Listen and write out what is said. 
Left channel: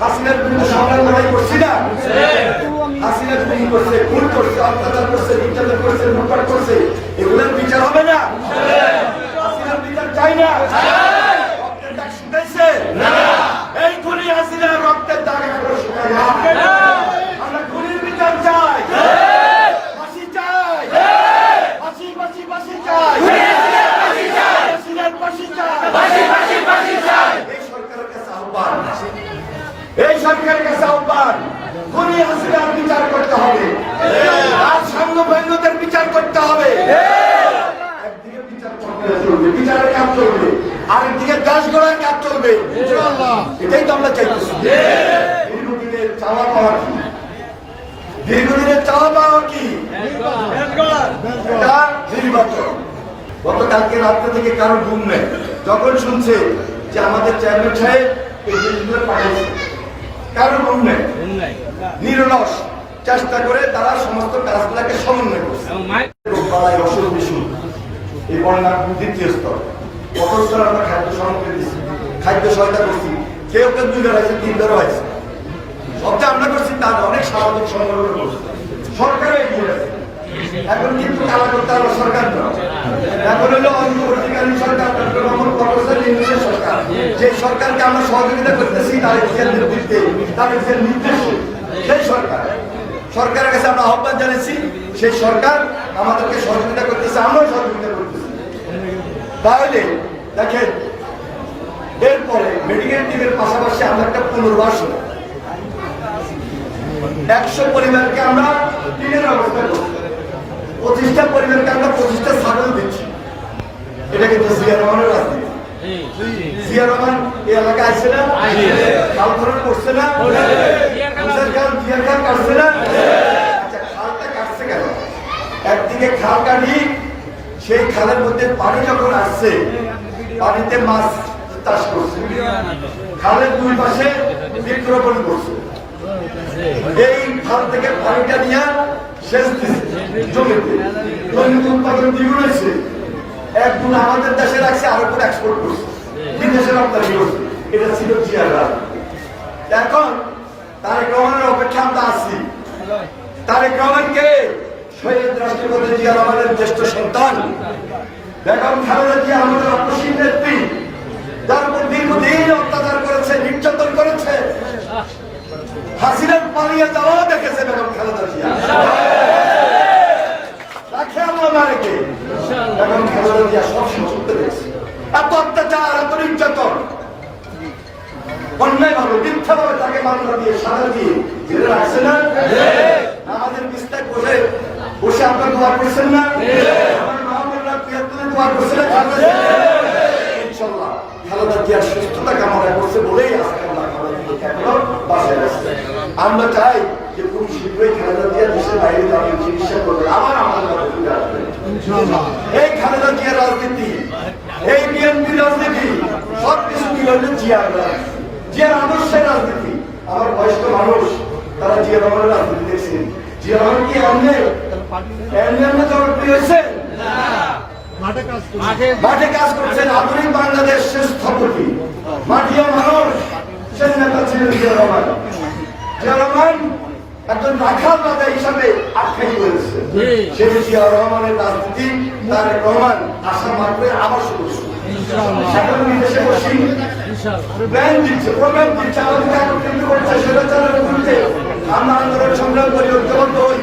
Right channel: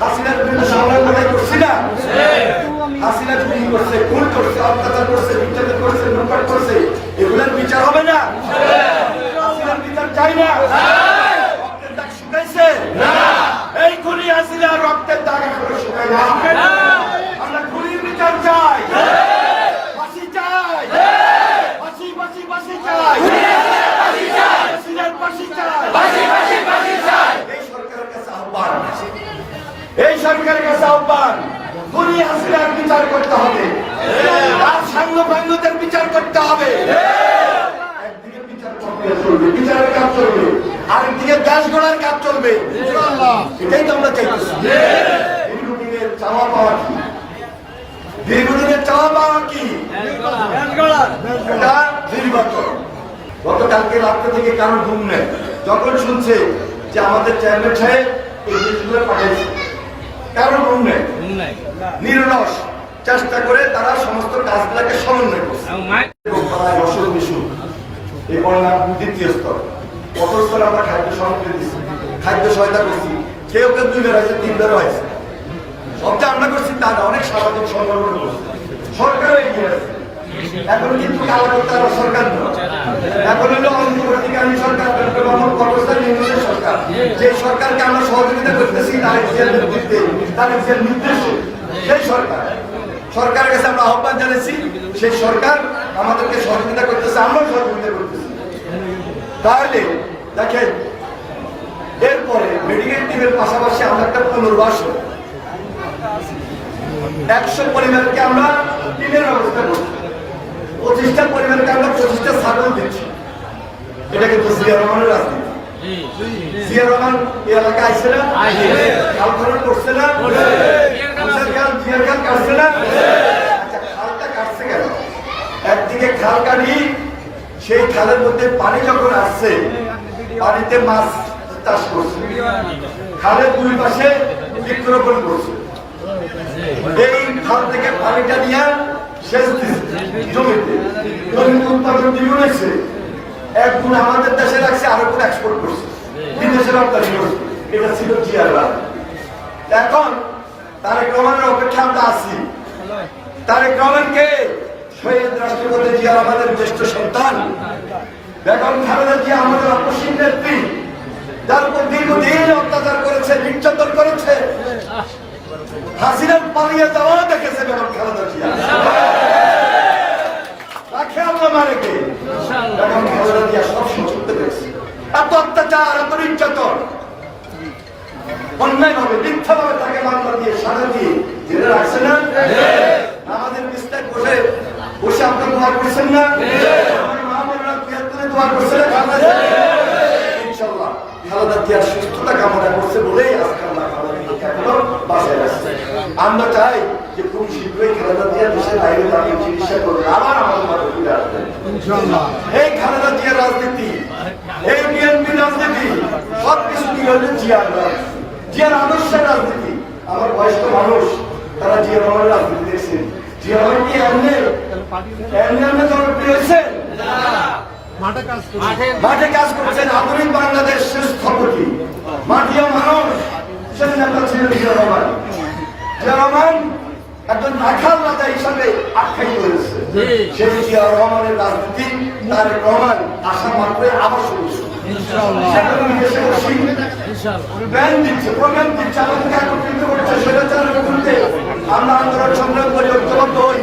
হাসিনার বিরুদ্ধে সংগ্রাম লড়াই করছি না? হাসিনা খুন করছে, খুন করছে, অত্যাচার করছে, নির্যাতন করছে, লুটপাট করছে, এগুলোর বিচার হবে না? হাসিনার বিচার চাই না? রক্তের দাগ শুকাইছে? এই খুনি হাসিনার রক্তের দাগ এখনো শুকায় না। আমরা খুনির বিচার চাই, ফাঁসি চাই, ফাঁসি ফাঁসি ফাঁসি চাই, হাসিনার ফাঁসি চাই। এই সরকারের কাছে আহ্বান, এই সরকারের কাছে আহ্বান, খুনি হাসিনার বিচার করতে হবে, তার সাংবাদিকদের বিচার করতে হবে। একদিকে বিচার প্রক্রিয়া চলবে, বিচারের কাজ চলবে, আরেকদিকে দেশ গড়ার কাজ চলবে। এটাই তো আমরা চাইতেছি। দীর্ঘদিনের চাওয়া পাওয়া কি? দীর্ঘদিনের চাওয়া পাওয়া কি? এটা নির্বাচন। গতকালকে রাত্রে থেকে কারোর ঘুম নেই, যখন শুনছে যে আমাদের চেয়ারম্যান সাহেব এই জিনিসগুলো পাঠিয়েছে, কারোর ঘুম নেই। নিরলস চেষ্টা করে তারা সমস্ত কাজগুলোকে সমন্বয় করছে। রোগবালাই, অসুখ বিসুখ, এই বন্যার দ্বিতীয় স্তর, প্রথম স্তর আমরা খাদ্য সামগ্রী দিচ্ছি, খাদ্য সহায়তা করছি, কেউ কেউ 2 বার হয়েছে, 3 বারও হয়েছে। সবটা আমরা করছি তা না, অনেক সামাজিক সংগঠন করছে, সরকারও এগিয়ে আছে। এখন কিন্তু কালা করতে হবে সরকার না, এখন হলো অন্তর্বর্তীকালীন সরকার, ডক্টর মোহাম্মদ ফখরুল ইসলামের সরকার। যে সরকারকে আমরা সহযোগিতা করতেছি তার নেতৃত্বে, তাদের যে নির্দেশ, সেই সরকার, সরকারের কাছে আমরা আহ্বান জানাচ্ছি, সেই সরকার আমাদেরকে সহযোগিতা করতেছে, আমরাও সহযোগিতা করতেছি। তাহলে দেখেন, এরপরে মেডিকেল টিমের পাশাপাশি আমরা একটা পুনর্বাসন, 100 পরিবারকে আমরা টিমের ব্যবস্থা করছি, 25টা পরিবারকে আমরা 25টা ছাগল দিচ্ছি। এটা কিন্তু জিয়া রহমানের রাজনীতি। জিয়া রহমান এই এলাকায় আসছে না? খাল খনন করছে না? জিয়ার খাল কাটছে না? আচ্ছা, খালটা কাটছে কেন? একদিকে খাল কাটি, সেই খালের মধ্যে পানি যখন আসছে, পানিতে মাছ চাষ করছে, খালের 2 পাশে বৃক্ষরোপণ করছে, এই খাল থেকে পানিটা নিয়ে সেচ দিচ্ছে জমিতে, জমিতে উৎপাদন দ্বিগুণ হয়েছে, 1 গুণ আমাদের দেশে রাখছে, আরো গুণ এক্সপোর্ট করছে, বিদেশে রপ্তানি করছে। এটা ছিল জিয়ার রাজ। এখন তারেক রহমানের অপেক্ষা আমরা আছি। তারেক রহমানকে শহীদ রাষ্ট্রপতি জিয়া রহমানের জ্যেষ্ঠ সন্তান বেগম খালেদা জিয়া আমাদের অপসীম নেত্রী, যার উপর দীর্ঘদিন অত্যাচার করেছে, নির্যাতন করেছে, হাসিনার পালিয়ে যাওয়া দেখেছে বেগম খালেদা জিয়া। রাখে আল্লাহ মারেকে, বেগম খালেদা জিয়া সব সুযোগ পেয়েছে। এত অত্যাচার, এত নির্যাতন, অন্যায় ভাবে, মিথ্যা ভাবে তাকে মামলা দিয়ে, সাজা দিয়ে জেলে রাখছে না? আমাদের বিস্তার বসে বসে আপনার দোয়া করছেন না? দোয়া করছে না? ইনশাল্লাহ খালেদা জিয়ার সুস্থতা কামনা করছে বলেই আজকে আমরা বাসায় আসছে। আমরা চাই যে খুব শীঘ্রই খালেদা জিয়া দেশের বাইরে তাকে চিকিৎসা করবেন, আবার আমাদের মাঝে ফিরে আসবেন। এই খালেদা জিয়ার রাজনীতি, এই বিএনপি রাজনীতি, সবকিছু মিলে হলে জিয়ার রাজনীতি, জিয়ার আদর্শের রাজনীতি। আমার বয়স্ক মানুষ তারা জিয়া রহমানের রাজনীতি দেখছেন। জিয়া রহমান কি এমনি জনপ্রিয় হয়েছে? মাঠে কাজ করছেন, আধুনিক বাংলাদেশের স্থপতি, মাটিও মানুষ, সেই নেতা ছিলেন জিয়া রহমান। জিয়া রহমান একজন রাখাল রাজা হিসাবে আখ্যায়িত হয়েছে। সেই জিয়া রহমানের রাজনীতি তারেক রহমান আশা মাত্রে আবার শুরু। এখন বিদেশে বসি ব্যান দিচ্ছে, প্রোগ্রাম দিচ্ছে, আমাদেরকে একত্রিত করছে, সেটা চালানোর বিরুদ্ধে আমরা আন্দোলন সংগ্রাম করি, ঐক্যবদ্ধ হই।